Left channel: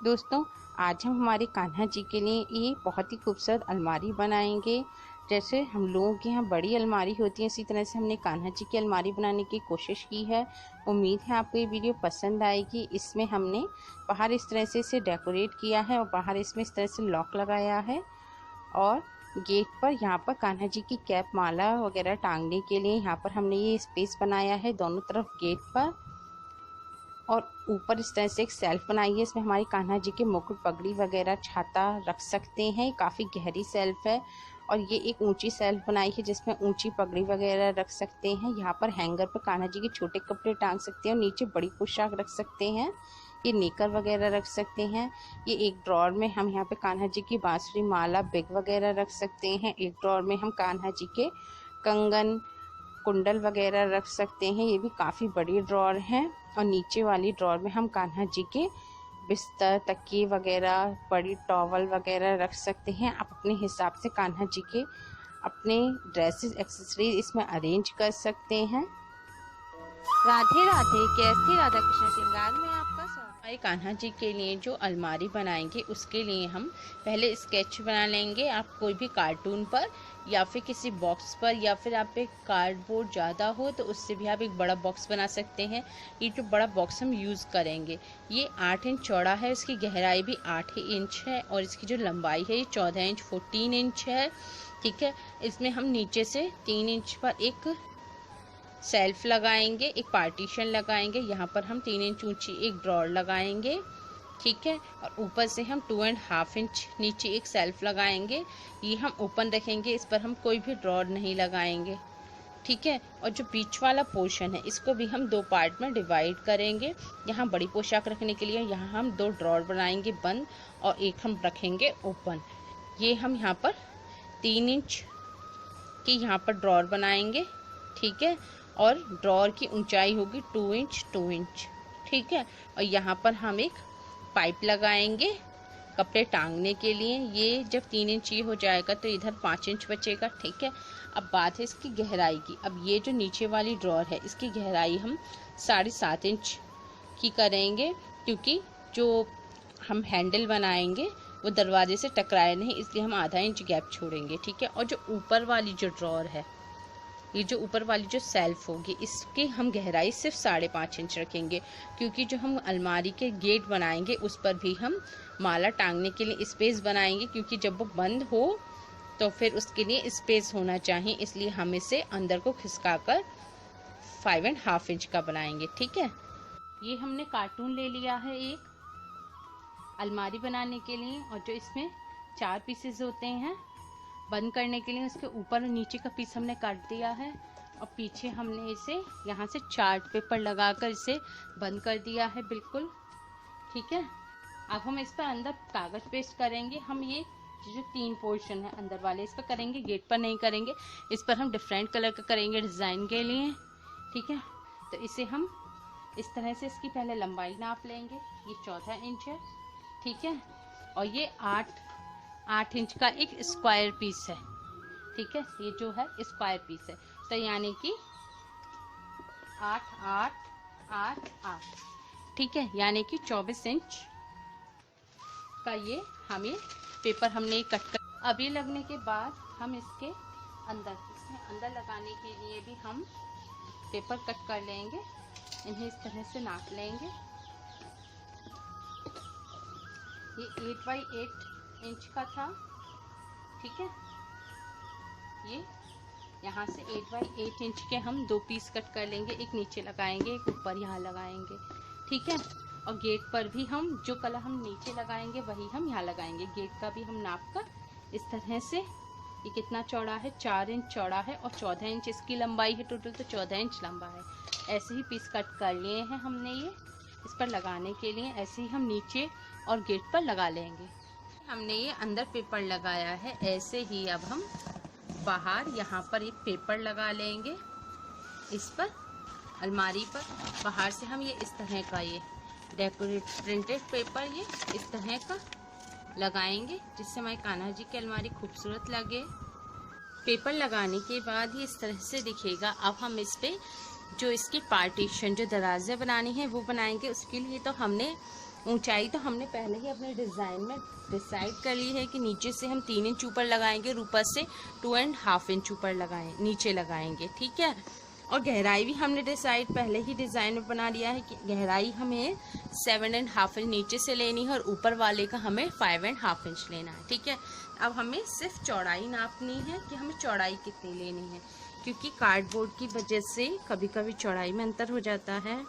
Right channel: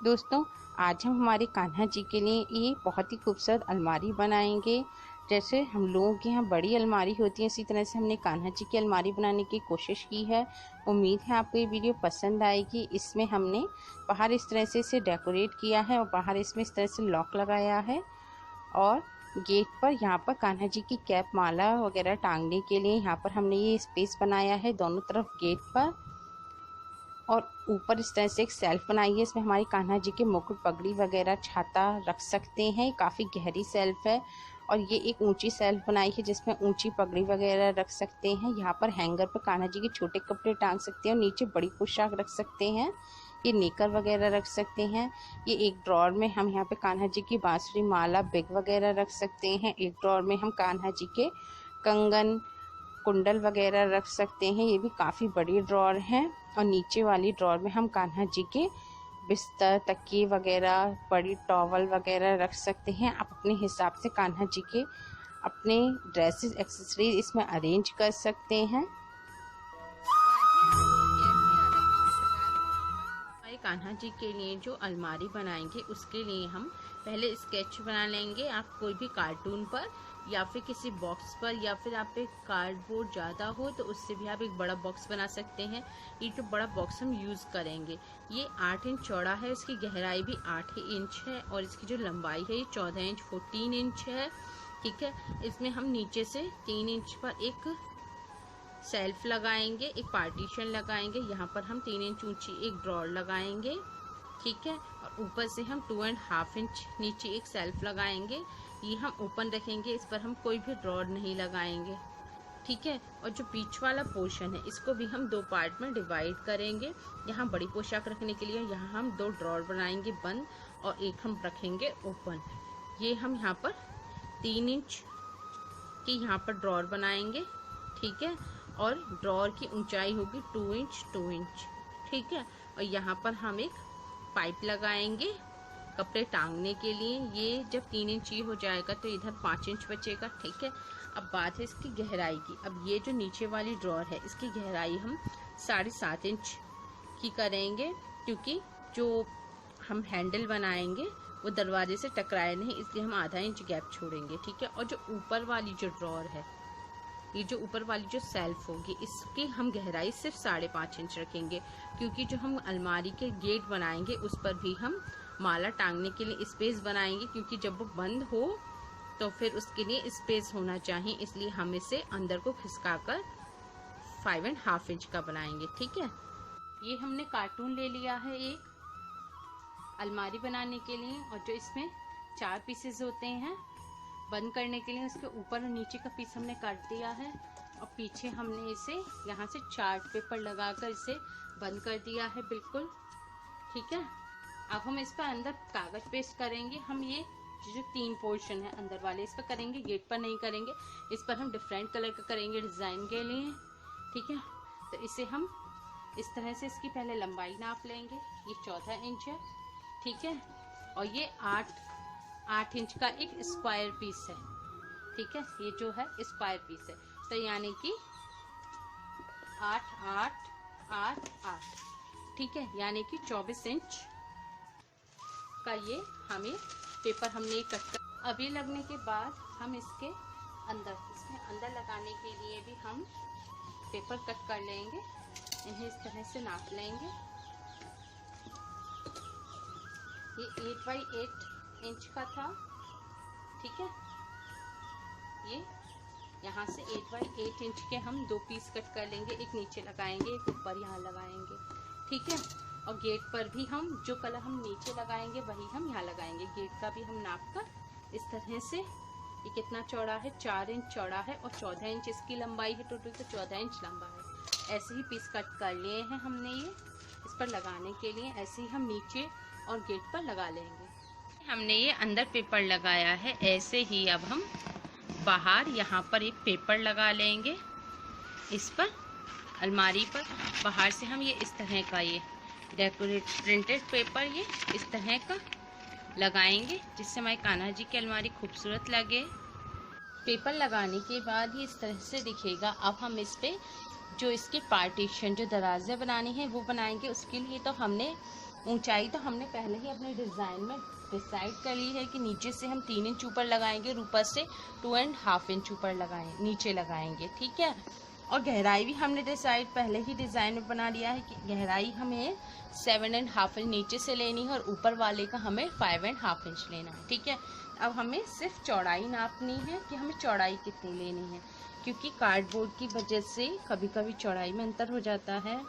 दोस्तों, आज हम हमारे कान्हा जी के लिए ये बहुत ही खूबसूरत अलमारी बनाएंगे। जैसे हम लोगों के यहाँ बड़ी अलमारी होती है, इसी तरह से हमने कान्हा जी की अलमारी बनाने की कोशिश की है। उम्मीद है आपको ये वीडियो पसंद आएगी। इसमें हमने बाहर इस तरह से इसे डेकोरेट किया है और बाहर इसमें इस तरह से लॉक लगाया है और गेट पर यहाँ पर कान्हा जी की कैप माला वगैरह टांगने के लिए यहाँ पर हमने ये स्पेस बनाया है दोनों तरफ गेट पर। और ऊपर इस तरह से एक सेल्फ बनाई है, इसमें हमारी कान्हा जी के मुकुट, पगड़ी वगैरह, छाता रख सकते हैं। काफ़ी गहरी सेल्फ है और ये एक ऊंची सेल्फ बनाई है जिसमें ऊंची पगड़ी वगैरह रख सकते हैं। यहाँ पर हैंगर पर कान्हा जी के छोटे कपड़े टांग सकते हैं और नीचे बड़ी पोशाक रख सकते हैं। ये नेकर वगैरह रख सकते हैं। ये एक ड्रॉर में हम यहाँ पे कान्हा जी की बांसुरी, माला, बिग वगैरह रख सकते हैं। एक ड्रॉर में हम कान्हा जी के कंगन, कुंडल वगैरह रख सकते हैं। ये भी काफ़ी बड़ी ड्रॉर है। और नीचे वाली ड्रॉर में हम कान्हा जी के बिस्तर, तकिए वगैरह, बड़ी टॉवल वगैरह रख सकते हैं। आप अपने हिसाब से कान्हा जी के अपने ड्रेसेस, एक्सेसरीज इसमें अरेंज कर सकते हैं। राधे राधे, कैसे राधा कृष्ण श्रृंगार में आपका स्वागत। हमारे कान्हा जी के लिए जो अलमारी बनाएंगे उसके लिए हम पहले स्केच बना लेंगे। आप कोई भी कार्टून पर या फिर किसी बॉक्स पर, या फिर आप एक कार्डबोर्ड ज़्यादा हो तो उससे भी आप एक बड़ा बॉक्स बना सकते हैं। ये जो बड़ा बॉक्स हम यूज़ करेंगे ये 8 इंच चौड़ा है, इसकी गहराई भी 8 ही इंच है और इसकी जो लंबाई है ये 14 इंच 14 इंच है। ठीक है, इसमें हम नीचे से 3 इंच पर एक सेल्फ लगाएंगे, एक पार्टीशन लगाएंगे। यहाँ पर हम 3 इंच ऊंची एक ड्रॉर लगाएंगे। ठीक है, और ऊपर से हम 2.5 इंच नीचे एक सेल्फ लगाएंगे। ये हम ओपन रखेंगे, इस पर हम कोई भी ड्रॉर नहीं लगाएंगे। ठीक है, और जो बीच वाला पोर्शन है इसको भी हम 2 पार्ट में डिवाइड करेंगे। यहाँ बड़ी पोशाक रखने के लिए यहाँ हम 2 ड्रॉर बनाएंगे बंद और एक हम रखेंगे ओपन। ये हम यहाँ पर 3 इंच की यहाँ पर ड्रॉर बनाएंगे। ठीक है, और ड्रॉर की ऊंचाई होगी 2 इंच 2 इंच। ठीक है, और यहाँ पर हम एक पाइप लगाएंगे कपड़े टांगने के लिए। ये जब 3 इंच ये हो जाएगा तो इधर 5 इंच बचेगा। ठीक है, अब बात है इसकी गहराई की। अब ये जो नीचे वाली ड्रॉर है इसकी गहराई हम 7.5 इंच की करेंगे, क्योंकि जो हम हैंडल बनाएंगे वो दरवाजे से टकराए नहीं, इसलिए हम आधा इंच गैप छोड़ेंगे। ठीक है, और जो ऊपर वाली जो ड्रॉर है, ये जो ऊपर वाली जो सेल्फ होगी इसकी हम गहराई सिर्फ 5.5 इंच रखेंगे, क्योंकि जो हम अलमारी के गेट बनाएंगे उस पर भी हम माला टांगने के लिए स्पेस बनाएंगे, क्योंकि जब वो बंद हो तो फिर उसके लिए स्पेस होना चाहिए, इसलिए हम इसे अंदर को खिसका कर 5.5 इंच का बनाएंगे। ठीक है, ये हमने कार्टून ले लिया है एक अलमारी बनाने के लिए, और जो इसमें 4 पीसेस होते हैं बंद करने के लिए, उसके ऊपर और नीचे का पीस हमने काट दिया है और पीछे हमने इसे यहाँ से चार्ट पेपर लगाकर इसे बंद कर दिया है बिल्कुल। ठीक है, अब हम इस पर अंदर कागज पेस्ट करेंगे। हम ये जो 3 पोर्शन है अंदर वाले इस पर करेंगे, गेट पर नहीं करेंगे। इस पर हम डिफरेंट कलर का करेंगे डिज़ाइन के लिए। ठीक है, तो इसे हम इस तरह से इसकी पहले लंबाई नाप लेंगे। ये 14 इंच है। ठीक है, और ये 8 इंच का एक स्क्वायर पीस है। ठीक है, ये जो है स्क्वायर पीस है, तो यानी कि 8 8 8 8। ठीक है, यानी कि 24 इंच का ये हमें पेपर हमने कट कर। अब ये लगने के बाद हम इसके अंदर लगाने के लिए भी हम पेपर कट कर लेंगे। इन्हें इस तरह से नाप लेंगे। ये 8 बाई 8 इंच का था। ठीक है, ये यहाँ से 8 बाई 8 इंच के हम 2 पीस कट कर लेंगे, एक नीचे लगाएंगे एक ऊपर यहाँ लगाएंगे। ठीक है, और गेट पर भी हम जो कलर हम नीचे लगाएंगे वही हम यहाँ लगाएंगे। गेट का भी हम नाप कर इस तरह से, ये कितना चौड़ा है, 4 इंच चौड़ा है और 14 इंच इसकी लंबाई है, टोटल तो 14 इंच लंबा है। ऐसे ही पीस कट कर लिए हैं हमने ये इस पर लगाने के लिए। ऐसे ही हम नीचे और गेट पर लगा लेंगे। हमने ये अंदर पेपर लगाया है, ऐसे ही अब हम बाहर यहाँ पर एक पेपर लगा लेंगे। इस पर अलमारी पर बाहर से हम ये इस तरह का ये डेकोरेट प्रिंटेड पेपर ये इस तरह का लगाएंगे, जिससे हमारी कान्हा जी की अलमारी खूबसूरत लगे। पेपर लगाने के बाद ये इस तरह से दिखेगा। अब हम इस पे जो इसके पार्टीशन, जो दरवाजे बनाने हैं वो बनाएंगे। उसके लिए तो हमने ऊंचाई तो हमने पहले ही अपने डिज़ाइन में डिसाइड कर ली है कि नीचे से हम 3 इंच ऊपर लगाएंगे, ऊपर से 2.5 इंच ऊपर नीचे लगाएंगे, ठीक है। और गहराई भी हमने डिसाइड पहले ही डिज़ाइन में बना लिया है कि गहराई हमें 7.5 इंच नीचे से लेनी है और ऊपर वाले का हमें 5.5 इंच लेना है, ठीक है। अब हमें सिर्फ चौड़ाई नापनी है कि हमें चौड़ाई कितनी लेनी है, क्योंकि कार्डबोर्ड की वजह से कभी कभी चौड़ाई में अंतर हो जाता है।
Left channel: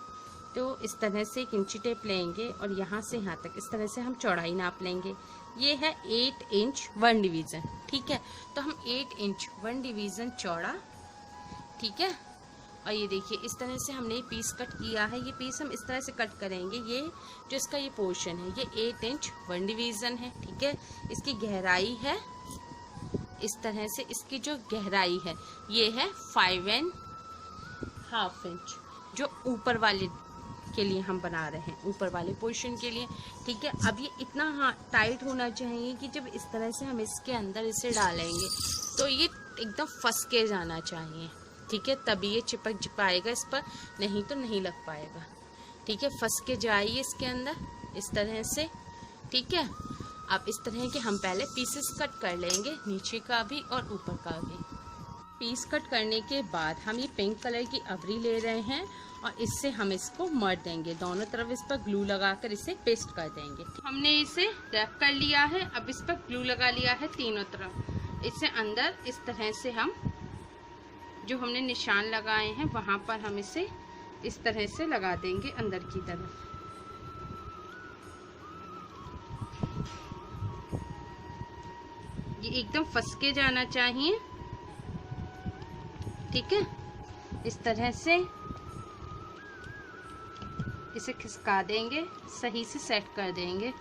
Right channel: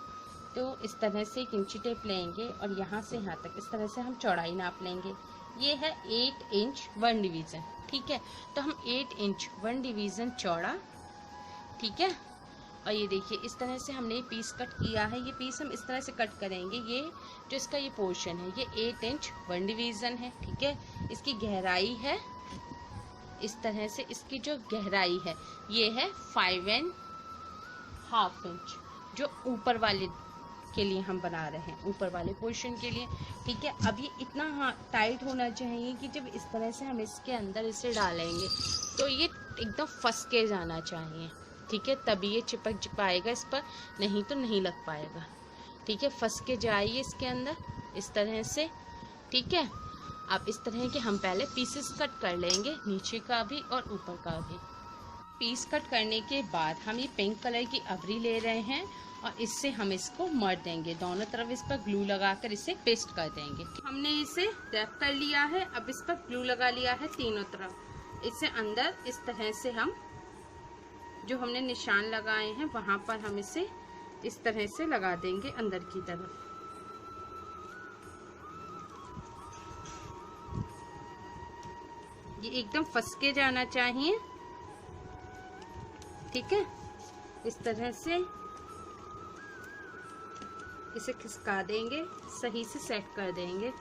तो इस तरह से एक इंची टेप लेंगे और यहाँ से यहाँ तक इस तरह से हम चौड़ाई नाप लेंगे। ये है 8 इंच 1 डिवीज़न, ठीक है। तो हम 8 इंच 1 डिवीज़न चौड़ा, ठीक है। और ये देखिए इस तरह से हमने ये पीस कट किया है। ये पीस हम इस तरह से कट करेंगे। ये जो इसका ये पोर्शन है ये 8 इंच 1 डिवीज़न है, ठीक है। इसकी गहराई है इस तरह से, इसकी जो गहराई है ये है 5.5 इंच, जो ऊपर वाले के लिए हम बना रहे हैं, ऊपर वाले पोर्शन के लिए, ठीक है। अब ये इतना टाइट होना चाहिए कि जब इस तरह से हम इसके अंदर इसे डालेंगे तो ये एकदम फंस के जाना चाहिए, ठीक है। तभी ये चिपक पाएगा इस पर, नहीं तो नहीं लग पाएगा, ठीक है। फंस के जाइए इसके अंदर इस तरह से, ठीक है। अब इस तरह के हम पहले पीसेस कट कर लेंगे, नीचे का भी और ऊपर का भी। पीस कट करने के बाद हम ये पिंक कलर की अबरी ले रहे हैं और इससे हम इसको मर देंगे, दोनों तरफ इस पर ग्लू लगाकर इसे पेस्ट कर देंगे। हमने इसे रैप कर लिया है। अब इस पर ग्लू लगा लिया है तीनों तरफ। इसे अंदर इस तरह से हम जो हमने निशान लगाए हैं वहां पर हम इसे इस तरह से लगा देंगे अंदर की तरफ। ये एकदम फंस के जाना चाहिए, ठीक है। इस तरह से इसे खिसका देंगे, सही से सेट कर देंगे।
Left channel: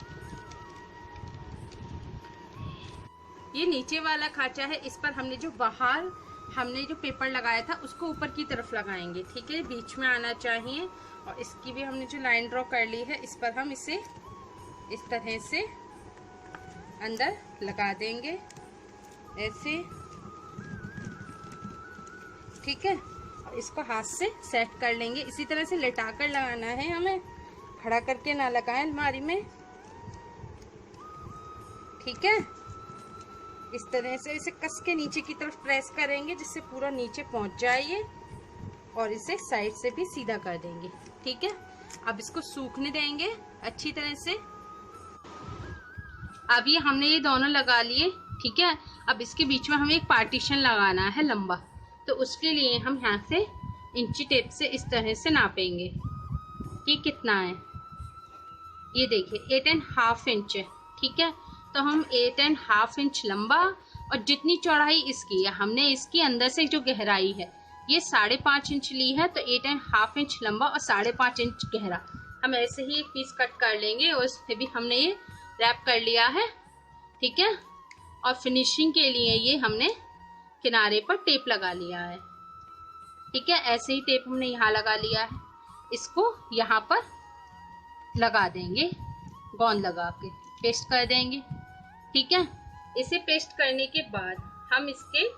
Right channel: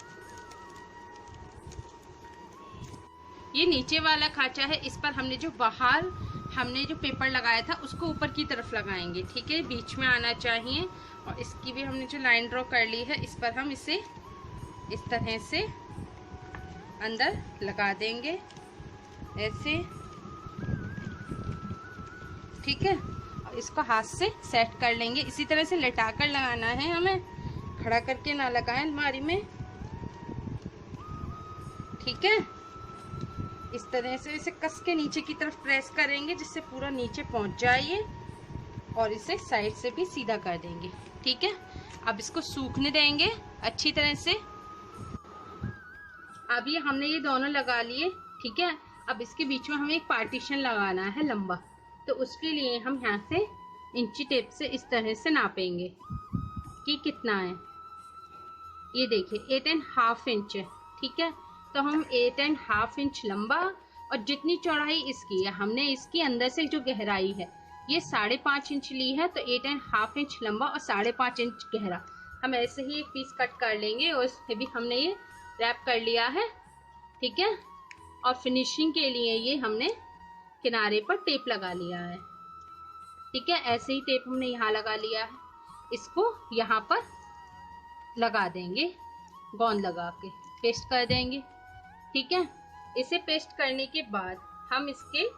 ये नीचे वाला खांचा है, इस पर हमने जो बाहर हमने जो पेपर लगाया था उसको ऊपर की तरफ लगाएंगे, ठीक है। बीच में आना चाहिए। और इसकी भी हमने जो लाइन ड्रॉ कर ली है इस पर हम इसे इस तरह से अंदर लगा देंगे ऐसे, ठीक है। और इसको हाथ से सेट कर लेंगे। इसी तरह से लेटा कर लगाना है हमें, खड़ा करके ना लगाएं अलमारी में, ठीक है। इस तरह से इसे कस के नीचे की तरफ प्रेस करेंगे जिससे पूरा नीचे पहुंच जाए ये, और इसे साइड से भी सीधा कर देंगे, ठीक है। अब इसको सूखने देंगे अच्छी तरह से। अब ये हमने ये दोनों लगा लिए, ठीक है। अब इसके बीच में हमें एक पार्टीशन लगाना है लंबा, तो उसके लिए हम यहाँ से इंची टेप से इस तरह से नापेंगे कि कितना है। ये देखिए 8.5 इंच है, ठीक है। तो हम 8.5 इंच लंबा, और जितनी चौड़ाई इसकी है हमने इसकी अंदर से जो गहराई है ये 5.5 इंच ली है, तो 8.5 इंच लंबा और 5.5 इंच गहरा हम ऐसे ही एक पीस कट कर लेंगे। और इससे भी हमने ये रैप कर लिया है, ठीक है। और फिनिशिंग के लिए ये हमने किनारे पर टेप लगा लिया है, ठीक है। ऐसे ही टेप हमने यहाँ लगा लिया है, इसको यहाँ पर लगा देंगे, गोंद लगा के पेस्ट कर देंगे, ठीक है। इसे पेस्ट करने के बाद हम इसके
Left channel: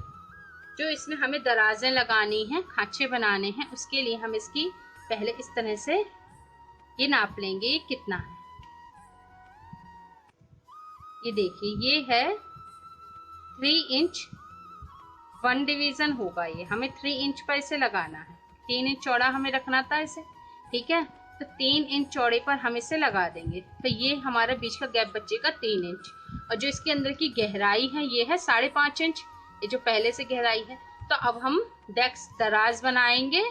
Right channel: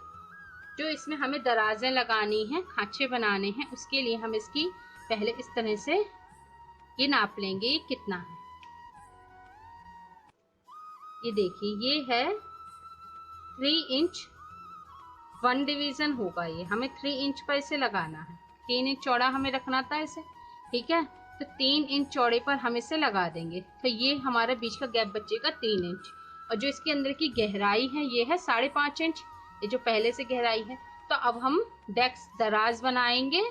जो इसमें हमें दराजें लगानी है, खांचे बनाने हैं, उसके लिए हम इसकी पहले इस तरह से ये नाप लेंगे कितना। ये देखिए ये है 3 इंच 1 डिवीजन होगा। ये हमें 3 इंच पर इसे लगाना है, 3 इंच चौड़ा हमें रखना था इसे, ठीक है। तो 3 इंच चौड़े पर हम इसे लगा देंगे, तो ये हमारा बीच का गैप बचेगा 3 इंच। और जो इसके अंदर की गहराई है ये है 5.5 इंच, ये जो पहले से गहराई है। तो अब हम डेस्क दराज बनाएंगे।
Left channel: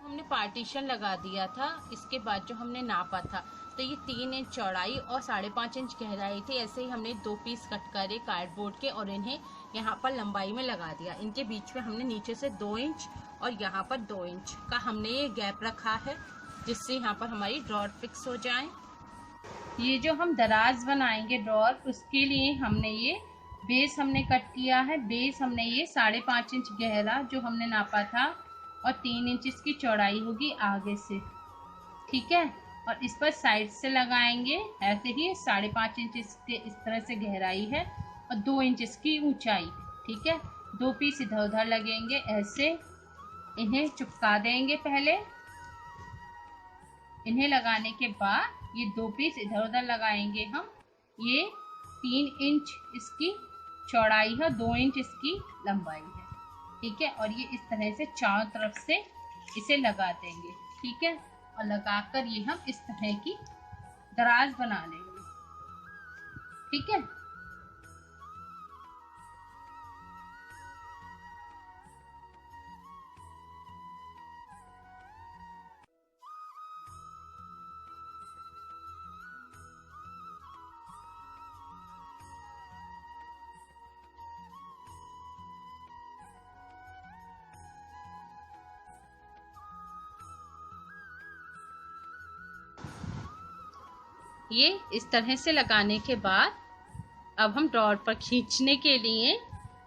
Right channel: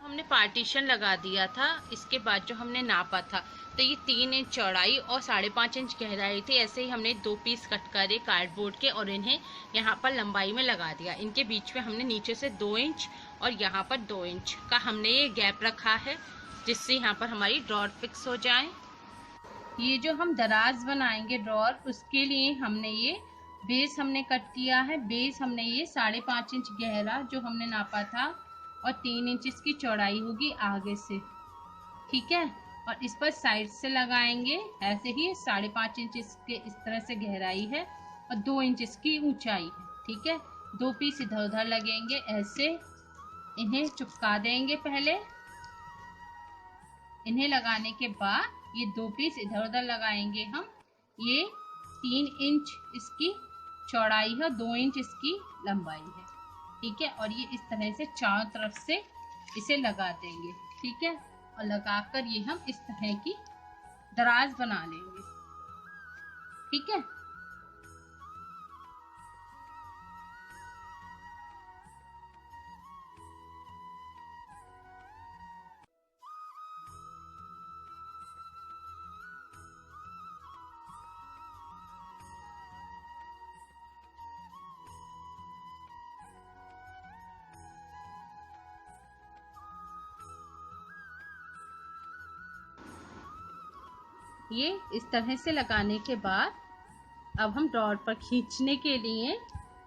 हमने पार्टीशन लगा दिया था, इसके बाद जो हमने नापा था तो ये 3 इंच चौड़ाई और 5.5 इंच गहराई थी। ऐसे ही हमने 2 पीस कट करे कार्डबोर्ड के और इन्हें यहाँ पर लंबाई में लगा दिया। इनके बीच में हमने नीचे से 2 इंच और यहाँ पर 2 इंच का हमने ये गैप रखा है, जिससे यहाँ पर हमारी ड्रॉर फिक्स हो जाए। ये जो हम दराज बनाएंगे ड्रॉर, उसके लिए हमने ये बेस हमने कट किया है। बेस हमने ये 5.5 इंच गहरा जो हमने नापा था और 3 इंच इसकी चौड़ाई होगी आगे से, ठीक है। और इस पर साइड से लगाएंगे ऐसे ही 5.5 इंच इसके इस तरह से गहराई है और 2 इंच इसकी ऊंचाई, ठीक है। 2 पीस इधर उधर लगेंगे ऐसे, इन्हें चिपका देंगे पहले। इन्हें लगाने के बाद ये 2 पीस इधर उधर लगाएंगे हम। ये 3 इंच इसकी चौड़ाई है, 2 इंच इसकी लंबाई है, ठीक है। और ये इस तरह से चारों तरफ से इसे लगा देंगे, ठीक है। और लगाकर ये हम इस तरह की दराज बना लेंगे, ठीक है। ये इस तरह से लगाने के बाद अब हम ड्रॉअर पर खींचने के लिए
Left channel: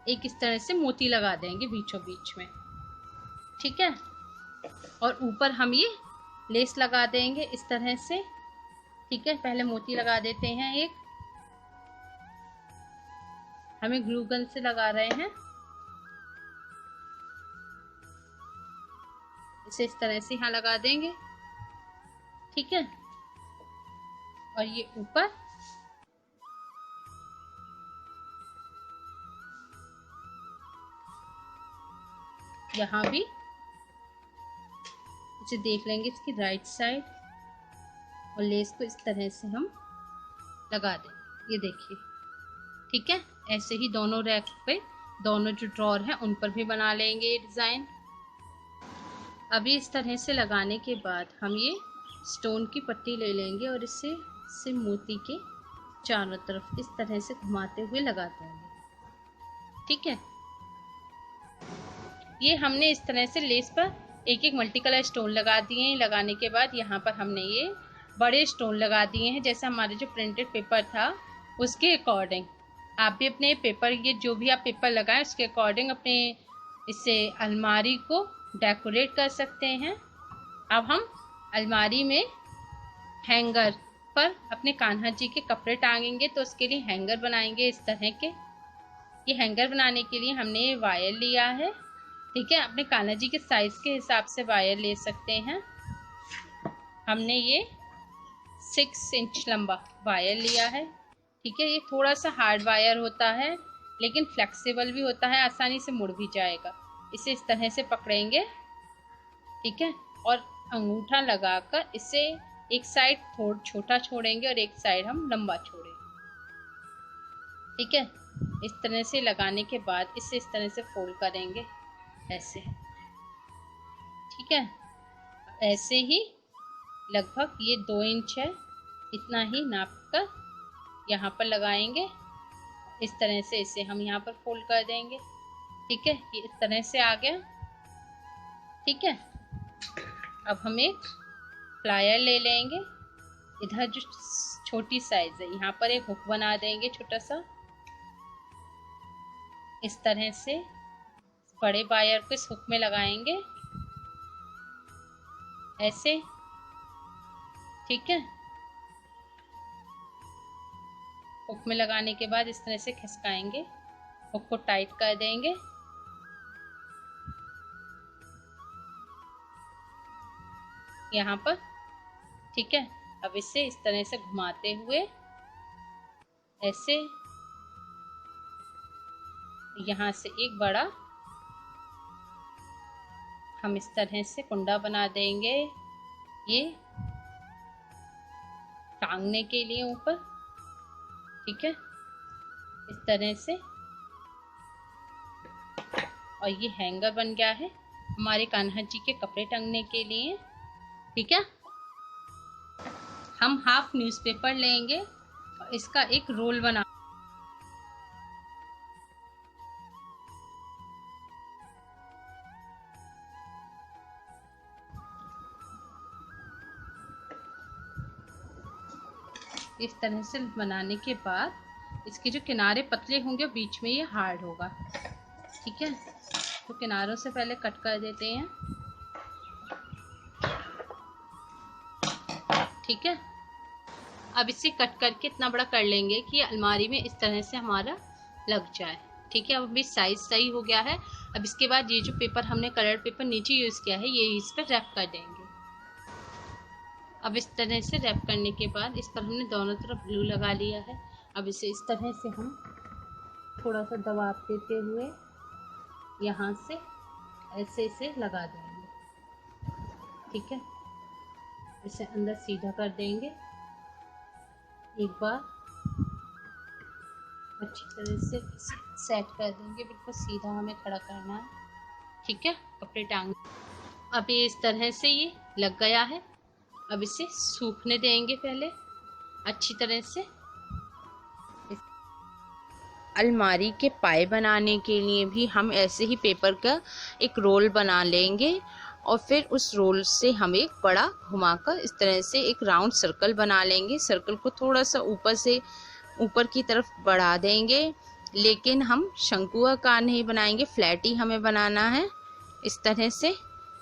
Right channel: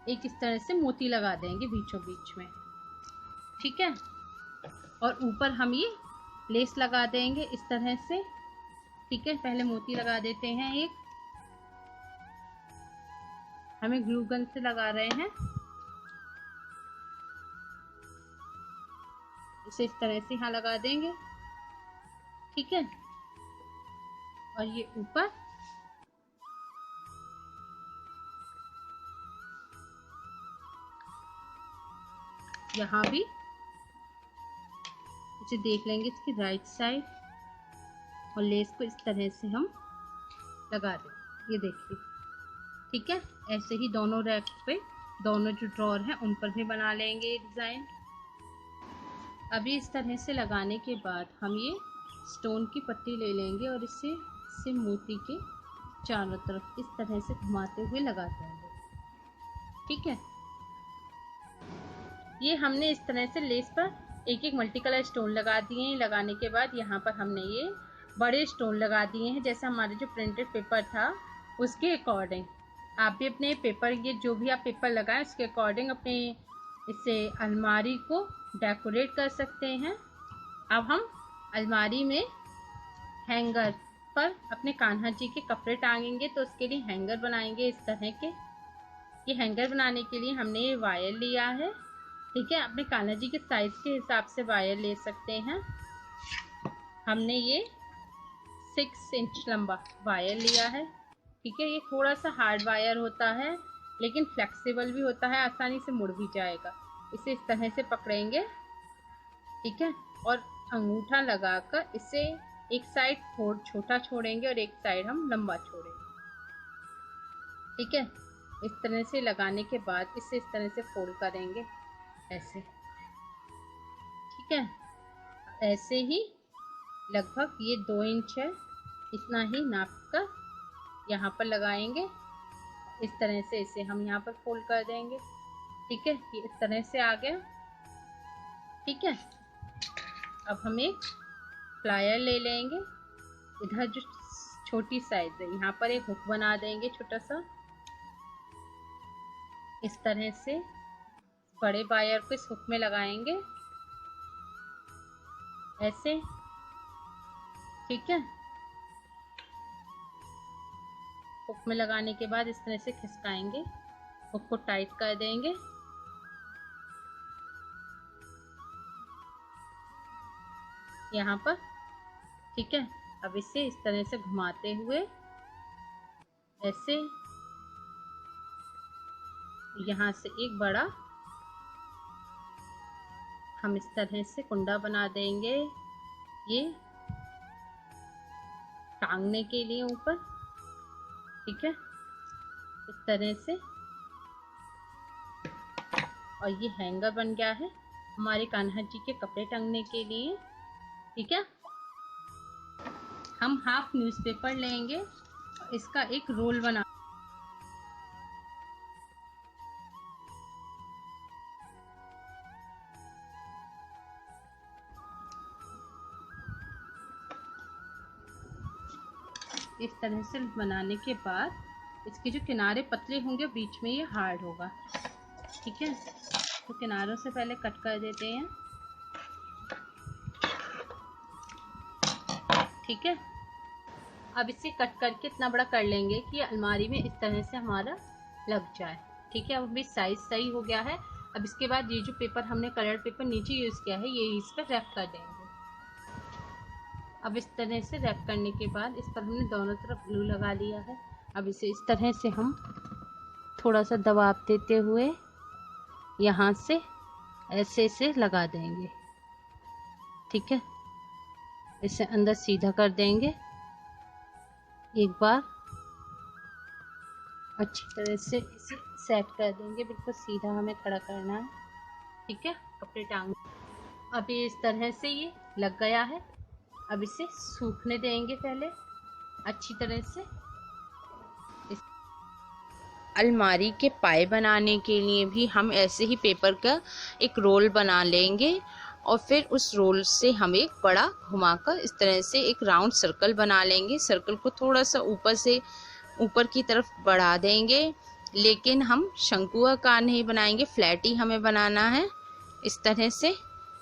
एक इस तरह से मोती लगा देंगे बीचों बीच में, ठीक है। और ऊपर हम ये लेस लगा देंगे इस तरह से, ठीक है। पहले मोती लगा देते हैं एक, हमें ग्लू गन से लगा रहे हैं। इसे इस तरह से यहाँ लगा देंगे, ठीक है। और ये ऊपर यहाँ भी इसे देख लेंगे इसकी राइट साइड, और लेस को इस तरह से हम लगा देंगे, ये देखिए, ठीक है। ऐसे ही दोनों रैक पे, दोनों जो ड्रॉअर है उन पर भी बना लेंगे ये डिजाइन। अभी इस तरह से लगाने के बाद हम ये स्टोन की पट्टी ले लेंगे और इसे मोती के चारों तरफ इस तरह से घुमाते हुए लगा देंगे, ठीक है। ये हमने इस तरह से लेस पर एक एक मल्टी कलर स्टोन लगा दिए हैं। लगाने के बाद यहाँ पर हमने ये बड़े स्टोन लगा दिए हैं, जैसे हमारे जो प्रिंटेड पेपर था उसके अकॉर्डिंग। आप भी अपने पेपर, ये जो भी आप पेपर लगाएं उसके अकॉर्डिंग अपने इससे अलमारी को डेकोरेट कर सकते हैं। अब हम अलमारी में हैंगर पर अपने कान्हा जी के कपड़े टांगेंगे, तो उसके लिए हैंगर बनाएंगे इस तरह के। ये हैंगर बनाने के लिए हमने वायर लिया है, ठीक है। अपने कान्हा जी के साइज के हिसाब से वायर ले सकते हैं। हमने ये 6 इंच लंबा वायर लिया है, ठीक है। ये थोड़ा सा हार्ड वायर होता है लेकिन फ्लेक्सिबल भी होता है, आसानी से मुड़ भी जाएगा। इसे इस तरह से पकड़ेंगे, ठीक है। और अंगूठा लगाकर इसे एक साइड थोड़ा छोटा छोड़ेंगे और एक साइड हम लंबा छोड़ेंगे, ठीक है। इस तरह से लगाने के बाद इसे इस तरह से फोल्ड करेंगे ऐसे, ठीक है। ऐसे ही लगभग ये 2 इंच है, इतना ही नाप कर यहाँ पर लगाएंगे। इस तरह से इसे हम यहाँ पर फोल्ड कर देंगे, ठीक है। ये इस तरह से आ गया, ठीक है। अब हम एक प्लायर ले लेंगे, इधर जो छोटी साइज है यहाँ पर एक हुक बना देंगे छोटा सा, इस तरह से बड़े वायर को इस हुक में लगाएंगे ऐसे, ठीक है। हुक में लगाने के बाद इस तरह से खिसकाएंगे, हुक को टाइट कर देंगे, यहाँ पर, ठीक है। अब इसे इस तरह से घुमाते हुए ऐसे यहाँ से एक बड़ा हम इस तरह से कुंडा बना देंगे, ये टांगने के लिए ऊपर, ठीक है, इस तरह से। और ये हैंगर बन गया है हमारे कान्हा जी के कपड़े टंगने के लिए, ठीक है। हम हाफ न्यूज़पेपर लेंगे और इसका एक रोल बना, इस तरह से बनाने के बाद इसके जो किनारे पतले होंगे बीच में ये हार्ड होगा, ठीक है। तो किनारों से पहले कट कर देते हैं, ठीक है। अब इसे कट करके इतना बड़ा कर लेंगे कि अलमारी में इस तरह से हमारा लग जाए, ठीक है। अब भी साइज सही हो गया है। अब इसके बाद ये जो पेपर हमने कलर पेपर नीचे यूज किया है ये इस पर रैप कर देंगे। अब इस तरह से रैप करने के बाद इस पर हमने दोनों तरफ ग्लू लगा लिया है। अब इसे इस तरह से हम थोड़ा सा दबाव देते हुए यहाँ से ऐसे ऐसे लगा देंगे। ठीक है, इसे अंदर सीधा कर देंगे। एक बार अच्छी तरह से इसे सेट कर देंगे, बिल्कुल सीधा हमें खड़ा करना है। ठीक है, अपने टांग अब ये इस तरह से ये लग गया है। अब इसे सूखने देंगे पहले अच्छी तरह से। अलमारी के पाए बनाने के लिए भी हम ऐसे ही पेपर का एक रोल बना लेंगे और फिर उस रोल से हम एक बड़ा घुमाकर इस तरह से एक राउंड सर्कल बना लेंगे। सर्कल को थोड़ा सा ऊपर की तरफ बढ़ा देंगे, लेकिन हम शंकु आकार नहीं बनाएंगे, फ्लैट ही हमें बनाना है। इस तरह से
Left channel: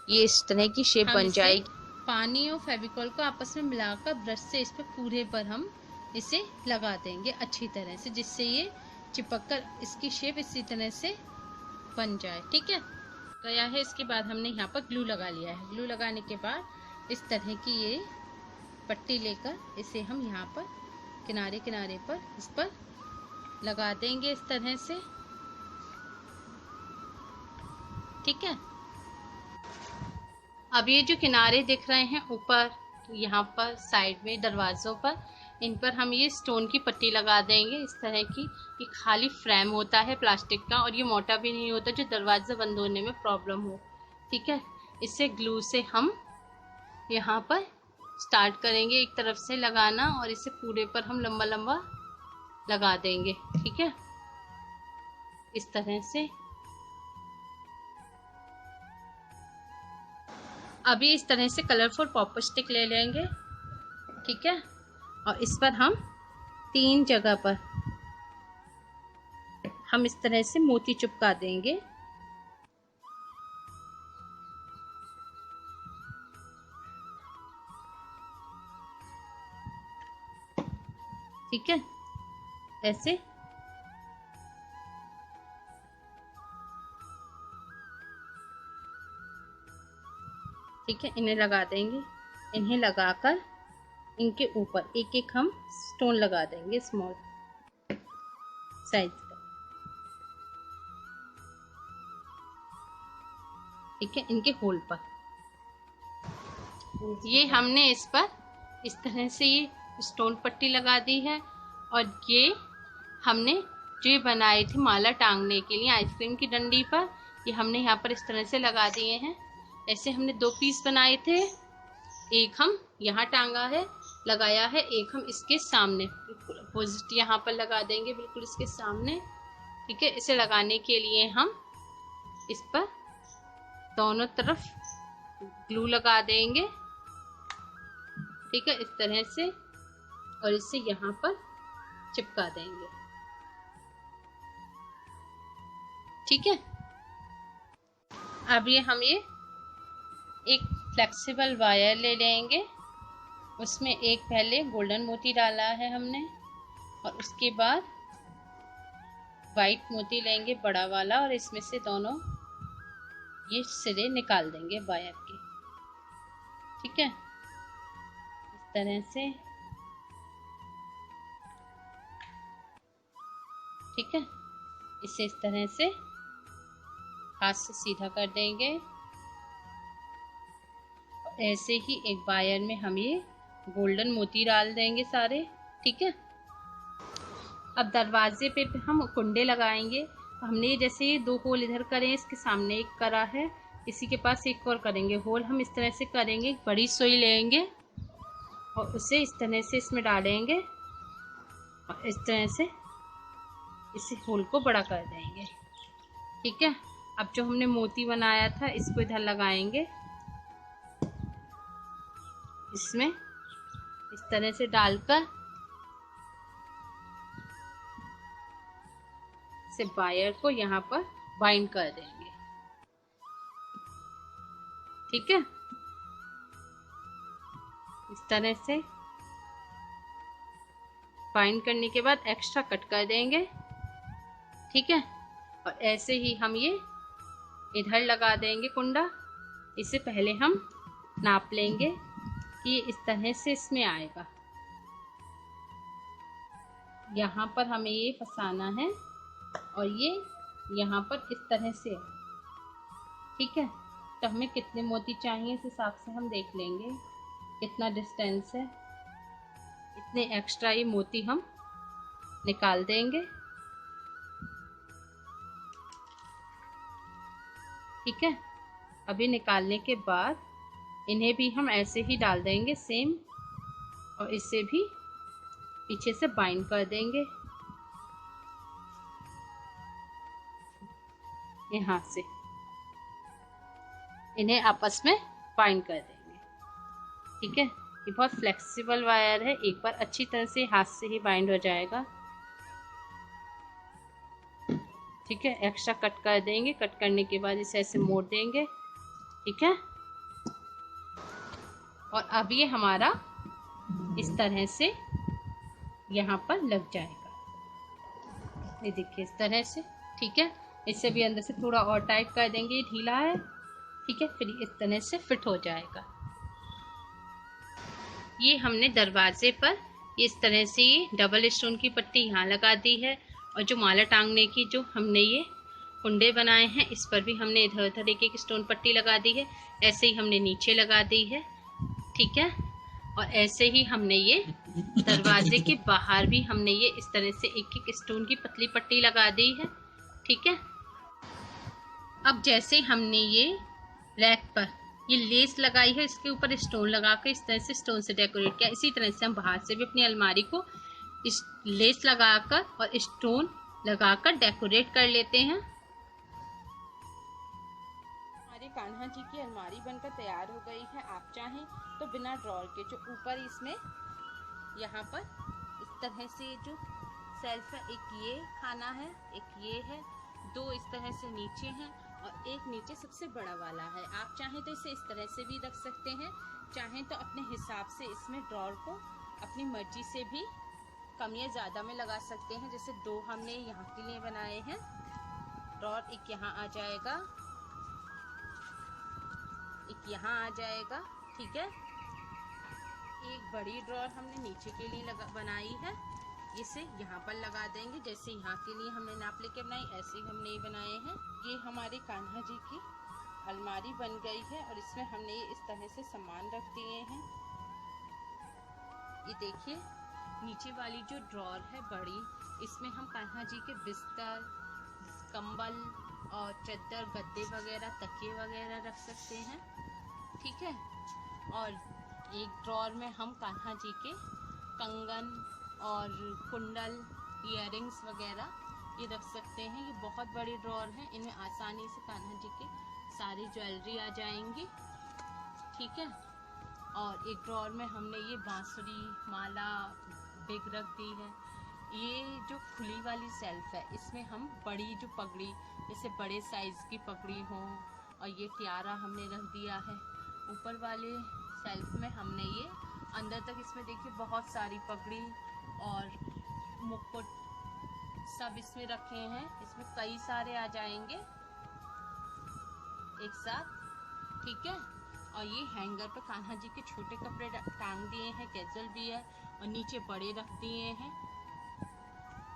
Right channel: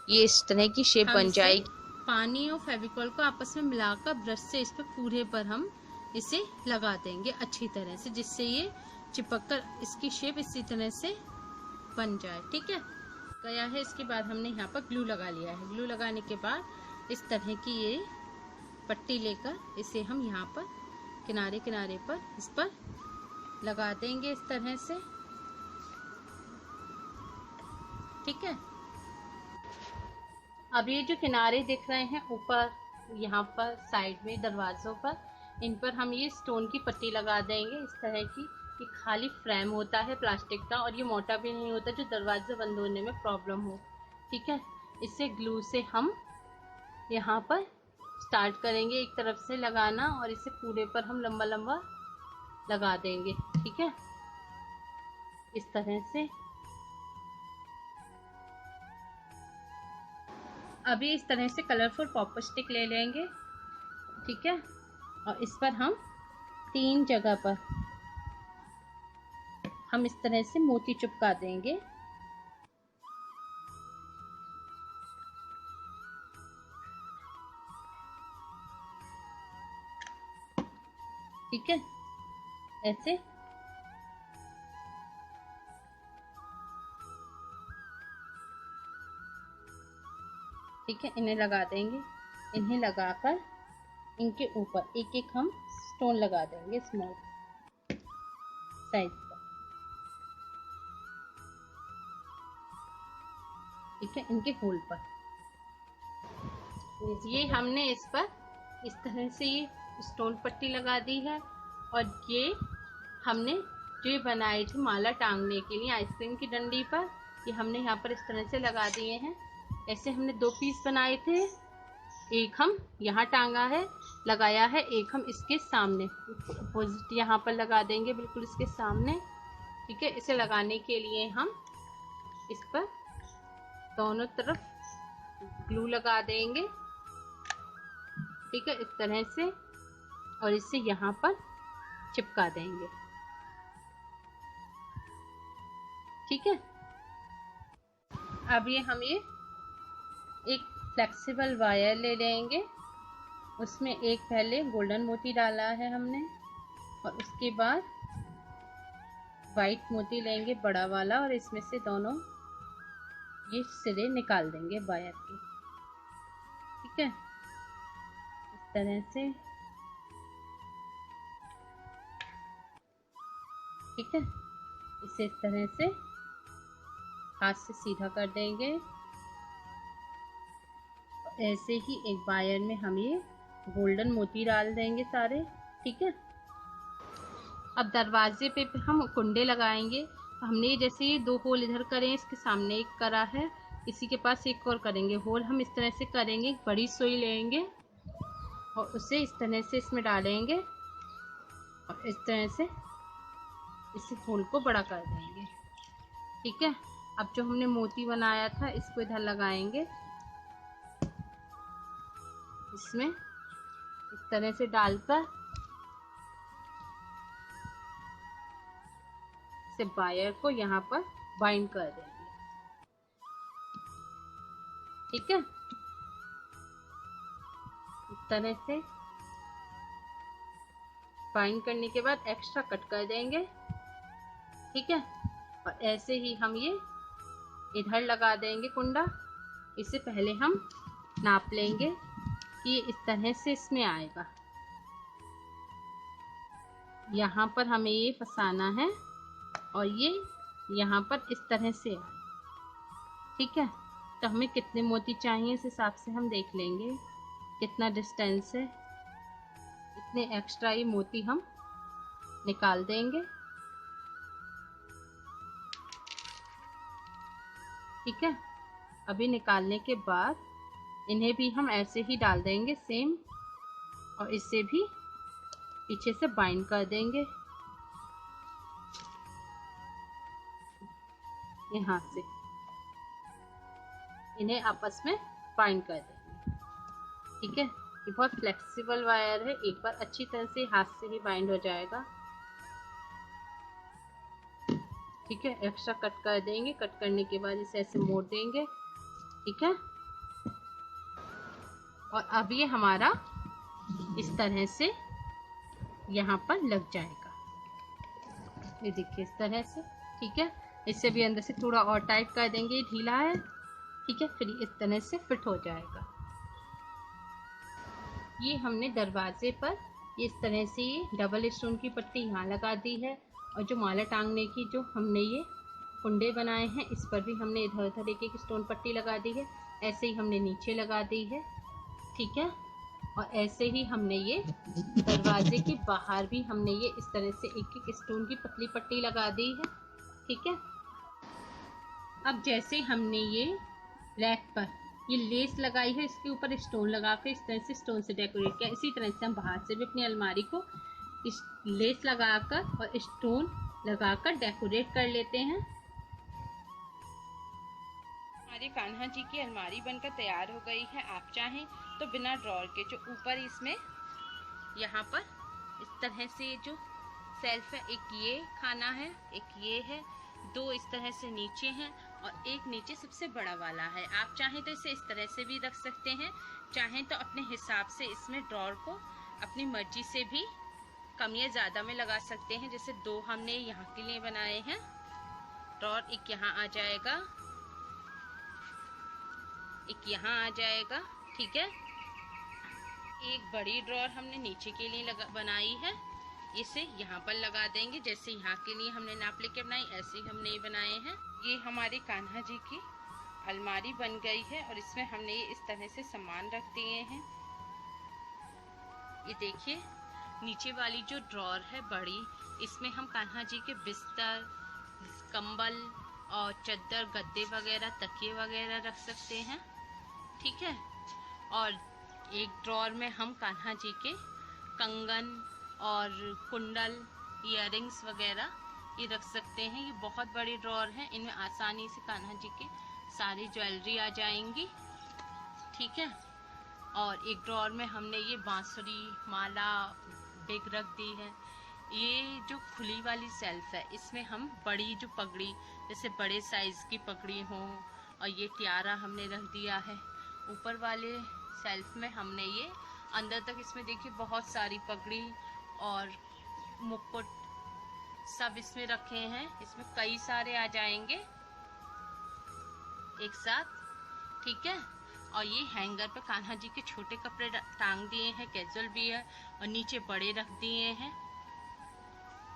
ये इस तरह की शेप बन जाएगी। पानी और फेविकॉल को आपस में मिलाकर ब्रश से इस पर पूरे पर हम इसे लगा देंगे अच्छी तरह से, जिससे ये चिपक कर इसकी शेप इसी तरह से बन जाए। ठीक है, गया है। इसके बाद हमने यहाँ पर ग्लू लगा लिया है। ग्लू लगाने के बाद इस तरह की ये पट्टी लेकर इसे हम यहाँ पर किनारे किनारे पर इस पर लगा देंगे इस तरह से। ठीक है, अब ये जो किनारे दिख रहे हैं ऊपर यहाँ पर साइड में दरवाजों पर, इन पर हम ये स्टोन की पट्टी लगा देंगे इस तरह की। ये खाली फ्रेम होता है प्लास्टिक का और ये मोटा भी नहीं होता जो दरवाजा बंद होने में प्रॉब्लम हो। ठीक है, इसे ग्लू से हम यहाँ पर स्टार्ट करेंगे एक तरफ से लगाना और इसे पूरे पर हम लंबा लंबा लगा देंगे। ठीक है, इस तरह से। अभी इस तरह से कलरफुल पॉपर स्टिक ले लेंगे। ठीक है, और इस पर हम 3 जगह पर हम इस तरह से मोती चिपका देंगे। ठीक है, ऐसे। ठीक है, इन्हें लगा देंगे। इन्हें लगाकर इनके ऊपर एक एक हम स्टोन लगा देंगे स्मॉल साइज का। ठीक है, इनके होल पर ये हमने इस पर इस तरह से ये स्टोन पट्टी लगा दी है। और ये हमने जो ये बनाए थे माला टांगने के लिए आइसक्रीम की डंडी पर, ये हमने यहाँ पर इस तरह से लगा दिए हैं। ऐसे हमने 2 पीस बनाए थे, एक हम यहाँ टांगा है लगाया है, एक हम इसके सामने अपोजिट यहाँ पर लगा देंगे बिल्कुल इसके सामने। ठीक है, इसे लगाने के लिए हम इस पर दोनों तरफ ग्लू लगा देंगे। ठीक है, इस तरह से, और इसे यहाँ पर चिपका देंगे। ठीक है, अब ये हम ये एक फ्लेक्सिबल वायर ले लेंगे, उसमें एक पहले गोल्डन मोती डाला है हमने और उसके बाद वाइट मोती लेंगे बड़ा वाला और इसमें से दोनों ये सिरे निकाल देंगे वायर के। ठीक है, इस तरह से। ठीक है, इसे इस तरह से हाथ से सीधा कर देंगे। ऐसे ही एक वायर में हम ये गोल्डन मोती डाल देंगे सारे। ठीक है, अब दरवाजे पे हम कुंडे लगाएंगे। तो हमने जैसे ये 2 होल इधर करे, इसके सामने एक करा है, इसी के पास एक और करेंगे होल। हम इस तरह से करेंगे, बड़ी सुई लेंगे और उसे इस तरह से इसमें डालेंगे और इस तरह से इस होल को बड़ा कर देंगे। ठीक है, अब जो हमने मोती बनाया था इसको इधर लगाएंगे, इसमें इस तरह से डालकर इसे वायर को यहाँ पर बाइंड कर देंगे। ठीक है, इस तरह से बाइंड करने के बाद एक्स्ट्रा कट कर देंगे। ठीक है, और ऐसे ही हम ये इधर लगा देंगे कुंडा। इससे पहले हम नाप लेंगे ये इस तरह से इसमें आएगा। यहाँ पर हमें ये फंसाना है और ये यहाँ पर इस तरह से, ठीक है। तो हमें कितने मोती चाहिए इस हिसाब से हम देख लेंगे कितना डिस्टेंस है, इतने एक्स्ट्रा ये मोती हम निकाल देंगे, ठीक है। अभी निकालने के बाद इन्हें भी हम ऐसे ही डाल देंगे सेम, और इससे भी पीछे से बाइंड कर देंगे यहाँ से, इन्हें आपस में बाइंड कर देंगे, ठीक है। ये बहुत फ्लेक्सिबल वायर है, एक बार अच्छी तरह से हाथ से ही बाइंड हो जाएगा, ठीक है। एक्स्ट्रा कट कर देंगे, कट करने के बाद इसे ऐसे मोड़ देंगे, ठीक है। और अब ये हमारा इस तरह से यहाँ पर लग जाएगा, ये देखिए इस तरह से, ठीक है। इसे भी अंदर से थोड़ा और टाइट कर देंगे, ढीला है, ठीक है। फिर इस तरह से फिट हो जाएगा। ये हमने दरवाजे पर इस तरह से ये डबल स्टोन की पट्टी यहाँ लगा दी है, और जो माला टांगने की जो हमने ये कुंडे बनाए हैं इस पर भी हमने इधर उधर एक एक स्टोन पट्टी लगा दी है, ऐसे ही हमने नीचे लगा दी है, ठीक है। और ऐसे ही हमने ये दरवाजे के बाहर भी हमने ये इस तरह से एक एक स्टोन की पतली पट्टी लगा दी है, ठीक है। अब जैसे हमने ये रैक पर ये लेस लगाई है, इसके ऊपर स्टोन लगा कर इस तरह से स्टोन से डेकोरेट किया, इसी तरह से हम बाहर से भी अपनी अलमारी को इस लेस लगाकर और स्टोन लगाकर डेकोरेट कर लेते हैं। हमारी कान्हा जी की अलमारी बनकर तैयार हो गई है। आप चाहें तो बिना ड्रॉर के जो ऊपर इसमें यहाँ पर इस तरह से जो सेल्फ है, एक ये खाना है, एक ये है, दो इस तरह से नीचे हैं और एक नीचे सबसे बड़ा वाला है। आप चाहें तो इसे इस तरह से भी रख सकते हैं, चाहें तो अपने हिसाब से इसमें ड्रॉर को अपनी मर्जी से भी कम या ज़्यादा में लगा सकते हैं। जैसे दो हमने यहाँ के लिए बनाए हैं ड्रॉर, एक यहाँ आ जाएगा, एक यहाँ आ जाएगा, ठीक है। एक बड़ी ड्रॉर हमने नीचे के लिए बनाई है, इसे यहाँ पर लगा देंगे। जैसे यहाँ के लिए हमने नाप लेके बनाई, ऐसे ही हमने ये बनाए हैं। ये हमारी कान्हा जी की अलमारी बन गई है और इसमें हमने ये इस तरह से सामान रख दिए हैं। ये देखिए नीचे वाली जो ड्रॉर है बड़ी, इसमें हम कान्हा जी के बिस्तर, कंबल और चद्दर, गद्दे वगैरह, तकिए वगैरह रख सकते हैं, ठीक है। और एक ड्रॉर में हम कान्हा जी के कंगन और कुंडल, इयररिंग्स वगैरह ये रख सकते हैं। ये बहुत बड़ी ड्रॉर है, इनमें आसानी से कान्हा जी की सारी ज्वेलरी आ जाएंगी, ठीक है। और एक ड्रॉर में हमने ये बांसुरी, माला, बिग रख दी है। ये जो खुली वाली सेल्फ है, इसमें हम बड़ी जो पगड़ी, जैसे बड़े साइज की पगड़ी हो, और ये टियारा हमने रख दिया है। ऊपर वाले सेल्फ में हमने ये अंदर तक, इसमें देखिए बहुत सारी पगड़ी और मुकुट सब इसमें रखे हैं। इसमें कई सारे आ जाएंगे एक साथ, ठीक है। और ये हैंगर पे कान्हा जी के छोटे कपड़े टांग दिए हैं, कैजुअल भी है, और नीचे बड़े रख दिए हैं।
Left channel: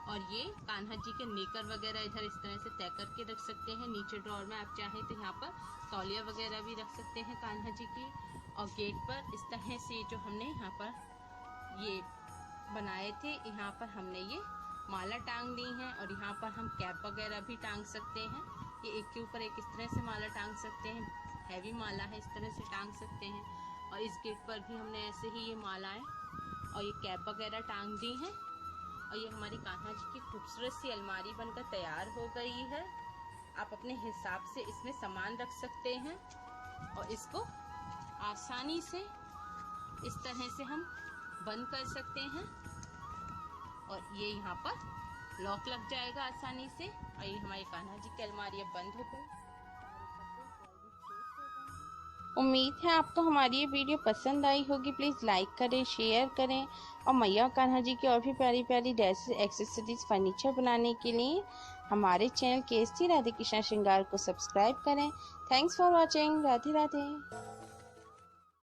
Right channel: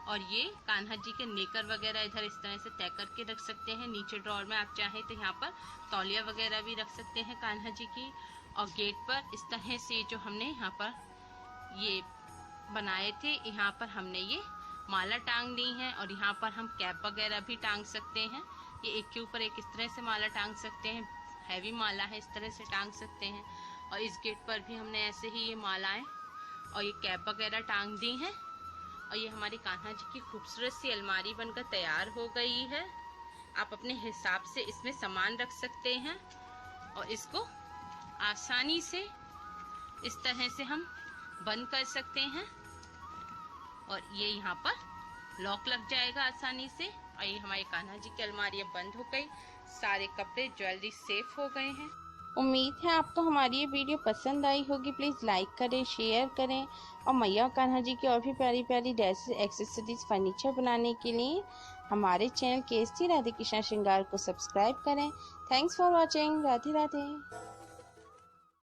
और ये कान्हा जी के नेकर वगैरह इधर इस तरह से तय करके रख सकते हैं। नीचे ड्रॉर में आप चाहें तो यहाँ पर तौलिया वगैरह भी रख सकते हैं कान्हा जी की। और गेट पर इस तरह से जो हमने यहाँ पर ये बनाए थे, यहाँ पर हमने ये माला टांग दी है, और यहाँ पर हम कैप वगैरह भी टांग सकते हैं। ये एक के ऊपर एक इस तरह से माला टांग सकते हैं, हैवी माला है, इस तरह से टांग सकते हैं। और इस गेट पर भी हमने ऐसे ही ये मालाएं और ये कैप वगैरह टांग दी हैं। और ये हमारी कान्हा जी की खूबसूरत सी अलमारी बनकर तैयार हो गई है। आप अपने हिसाब से इसमें सामान रख सकते हैं, और इसको आसानी से इस तरह से हम बंद कर सकते हैं, और ये यहाँ पर लॉक लग जाएगा आसानी से। और ये हमारी कान्हा जी की अलमारी अब बंद हो गई, सारे कपड़े, ज्वेलरी सेफ हो गए हैं। उम्मीद है आपको हमारी ये वीडियो पसंद आई होगी। प्लीज़ लाइक करें, शेयर करें, और मैया कान्हा जी की और भी प्यारी प्यारी ड्रेसेस, एक्सेसरीज, फर्नीचर बनाने के लिए हमारे चैनल KST राधे कृष्णा श्रृंगार को सब्सक्राइब करें। Thanks for watching. Radhe Radhe.